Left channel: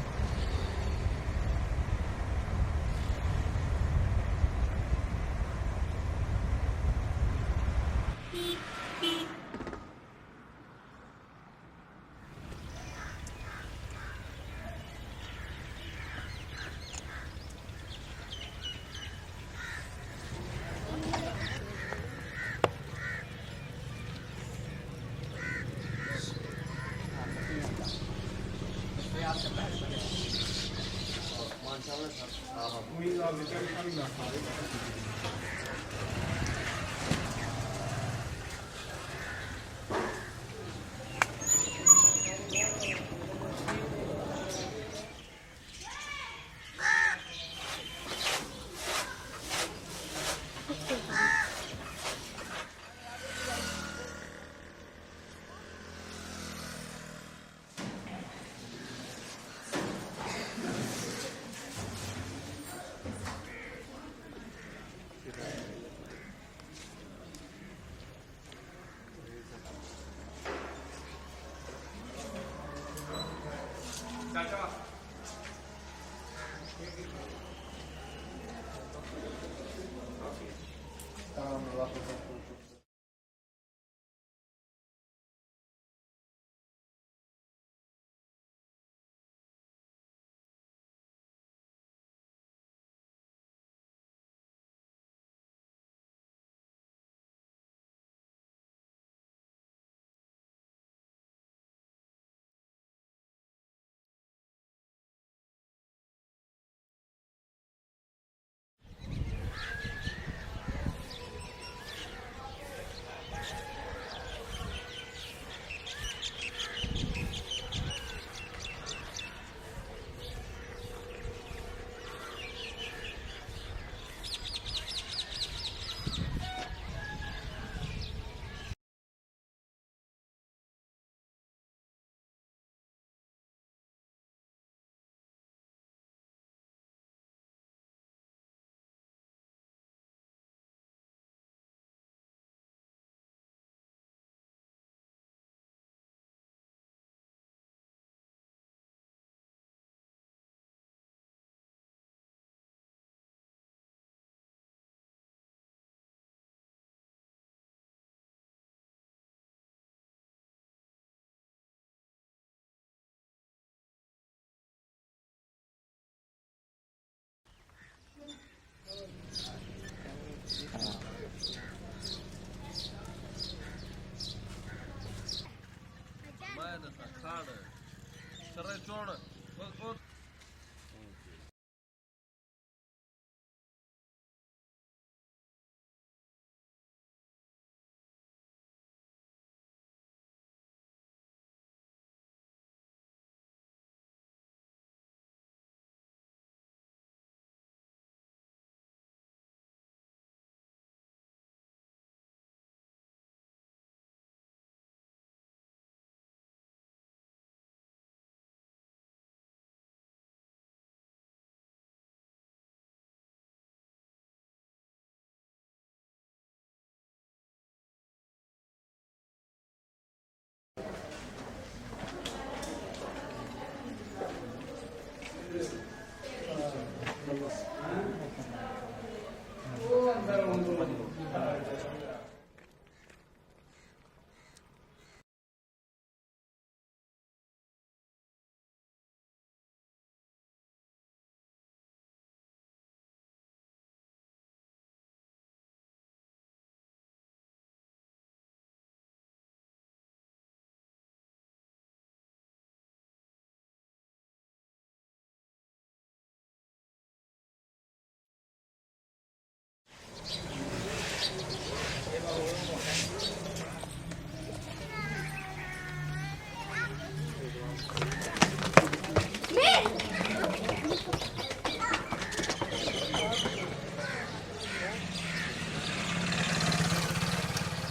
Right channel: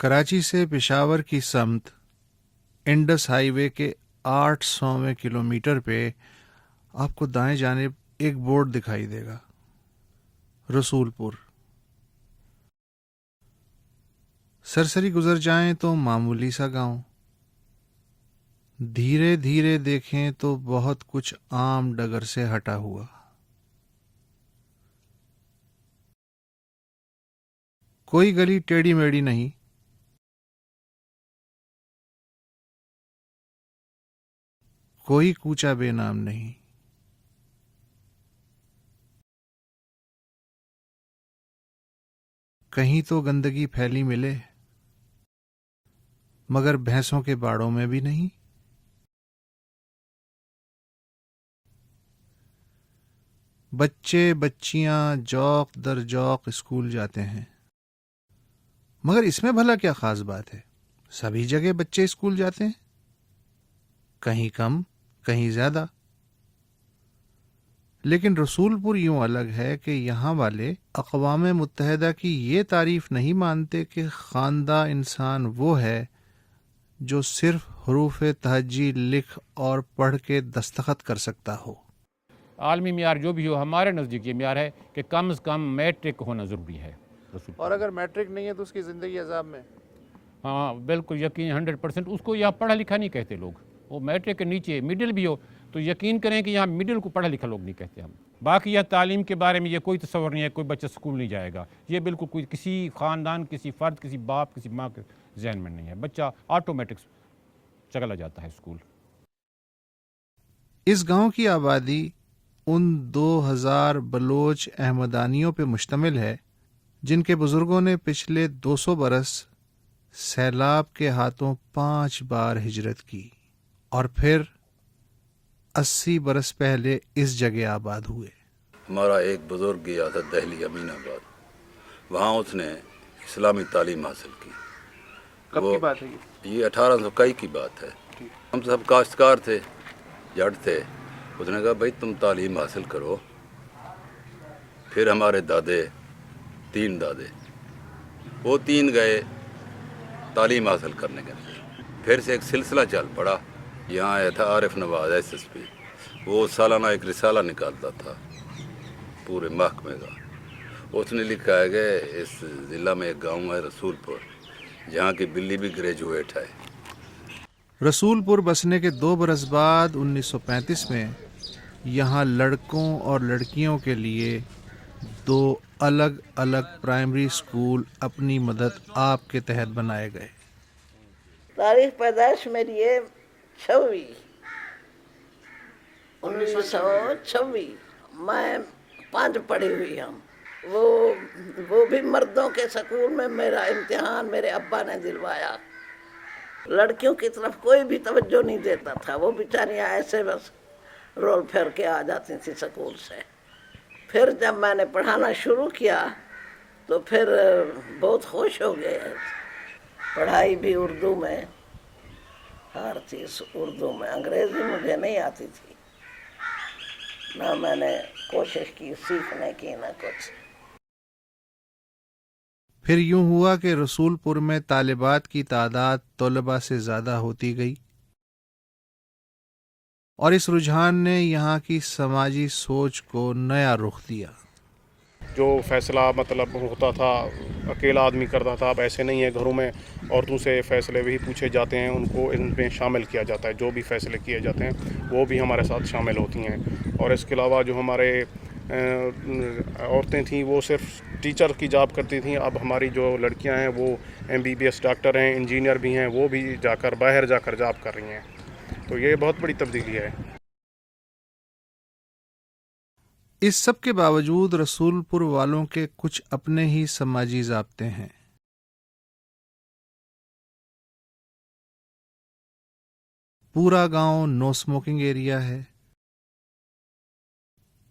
کراچی سے پشاور کی سمت انڈس ہائی وے کے 800ویں کلومیٹر پہ آپ کو دائیں جانب ایک بورڈ دکھائی دے گا، رسول پور۔ سرسری گزر جائیں تو معمولی سا گاؤں، دھیرے دھیرے دیکھیں تو بہت کچھ عام ڈگر سے ہٹا ہوا۔ کوئی گلی ٹیڑھی میڑھی نہیں، کوئی کوچہ بے نام نہیں۔ کہیں تو گندگی پھیلی ملے، مگر بھینسوں کے باڑوں میں بھی نہیں۔ بچے بچیاں جوق در جوق اسکول جاتے ہیں، مگر اس میں بھلا کیا خاص بات ہے؟ سبھی جگہ بچے اسکول جاتے ہیں، کہیں کم کہیں زیادہ۔ لیکن رسول پور یوں الگ ہے کہ یہاں والے اقوام متحدہ کی یہ تعریف نہیں مانتے کہ خواندہ انسان وہ ہے جو صرف حروف تہجی لکھ اور پڑھ کے دستخط کر سکتا ہو۔ عالمی معیار جو بھی ہو، ہمارے نزدیک یہ معیار ہے کہ کم از کم میٹرک ہونا ضروری ہے۔ اور اگر میٹرک نہیں ہے تو اس کی زندگی عذاب میں؟ ہاں بالکل یقین 100%۔ اس کو یہاں پڑھا لکھا نہیں کہتے لوگ، وہ میٹرک کے نیچے مڈل بھی ہو تو یقین کریں کہ یہاں مڈل کو پڑھا لکھا لوگ نہیں کہتے ہم۔ باقی یہ تعلیم کے بارے میں یہ کوئی تصور نہیں ہے کوئی بچہ اسکول نہیں جائے گا، یہ بالکل کوئی کسی خاندان، کسی فرد، کسی باپ، کسی ماں کے ذہن میں نہیں ہے۔ بچہ آٹومیٹک چلا جاتا ہے اسکول۔ اس گاؤں کی آبادی ان 2000 بلوچ احمدانیوں پہ مشتمل ہے جن کے بزرگوں نے پچھلے 200 برس سیلاب کے ہاتھوں 5 بار ہجرت کی اور پھر 80 برس پہلے اس جگہ آباد ہوئے۔ ہمارا ایک بزرگ گیا تھا دہلی امین آباد، وہاں اس نے اسلامی تعلیم حاصل کی۔ کب کی بات ہے یہ 1821 کی بات ہے۔ ہم سب کاشتکار تھے، جٹ تھے۔ اس نے کہا بھائی تم تعلیم حاصل کرو۔ پھر ہمارے دادے، 3 دادے، وہ 3 گئے تعلیم حاصل کرنے کے لیے۔ پھر سے ایک سلسلہ چل پڑا۔ یہاں آیا تھا عارف نواز SSP، وہ سالانہ ایک رسالہ نکالتا تھا پورے محکمے کا۔ اس نے لکھا ہے کہ اس ضلع میں ایک گاؤں ہے رسول پور، جہاں کی بلی بھی گریجویٹ ہے۔ رسول پور بسنے کے 2 برس بعد 1935 میں یہاں لڑکوں اور لڑکیوں کے لیے 2 الگ الگ پرائمری اسکول اپنی مدد آپ کے تحت بنائے گئے۔ تاریخ پیدائش میری ہے 1926۔ میں 5 پڑھی ہوئی ہوں۔ وہ بھی مردوں کے سکول میں میرا امتحان میرے ابا نے دلوایا۔ لڑکیوں کی طرف کوئی بھی توجہ نہیں دیتا تھا، وہ بیچاریاں ایسے بس رول پھیر کے آ جاتی تھی سکول سے۔ پھر جب میں نے پڑھانا شروع کیا تو پھر بہت خوش ہو گئے۔ پڑھائی بھی اردو میں، ہر چیز اردو میں۔ انگریزی مجھے نہیں آتی تھی، نہ میں نے کوشش کی سیکھنے کی، نہ کچھ۔ پھر یوں ہوا کہ رسول پور میں طالبات کی تعداد طلباء سے زیادہ ہوتی گئی اور اس رجحان نے یہاں کی سماجی سوچ کو نیا رخ دیا۔ جو فیصلہ مطلب ہوتا تھا اکیلا آدمی کرتا تھا، اب ایسے نہیں ہے۔ گھروں میں عورتوں سے فیصلے بھی پوچھے جاتے ہیں، ان کو ان میں شامل کیا جاتا ہے۔ جو بھی فیصلے کیے جاتے ہیں وہ بھی ہمارے ساتھ شامل ہوتی ہیں۔ اور اس کے علاوہ جو ہمارے عورتیں تھیں وہ صرف ٹیچر کی جاب کرتی تھیں، اب ہماری جو لڑکیاں ہیں وہ MBBS ڈاکٹر ہیں، انجینئر بھی ہیں، وہ بھی باہر جا کر جاب کر رہی ہیں۔ تو یہ بہت بڑی تبدیلی ہے۔ اس سب کے باوجود رسول پور والوں کے کچھ اپنے ہی سماجی ضابطے ہیں۔ پورا گاؤں نو اسموکنگ ایریا ہے،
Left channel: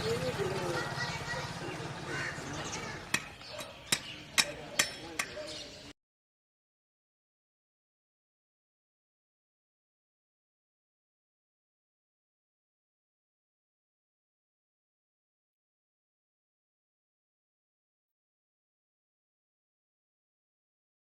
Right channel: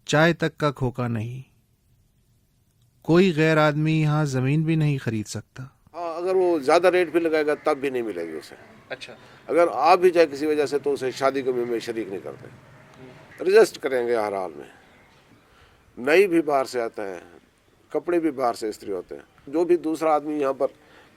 چائے تک کا کھوکا نہیں، کوئی غیر آدمی یہاں زمین بھی نہیں خرید سکتا۔ اگر وہ زیادہ ریٹ بھی لگائے گا تب بھی نہیں ملے گی اسے۔ اچھا، اگر آپ بھی جائے کسی وجہ سے تو اسے شادی کے میں شریک نہیں کرتے، رجسٹ کریں گے ہر حال میں۔ نئی بھی باہر سے آتا ہے، کپڑے بھی باہر سے استری ہوتے ہیں۔ جو بھی دوسرا آدمی یہاں پر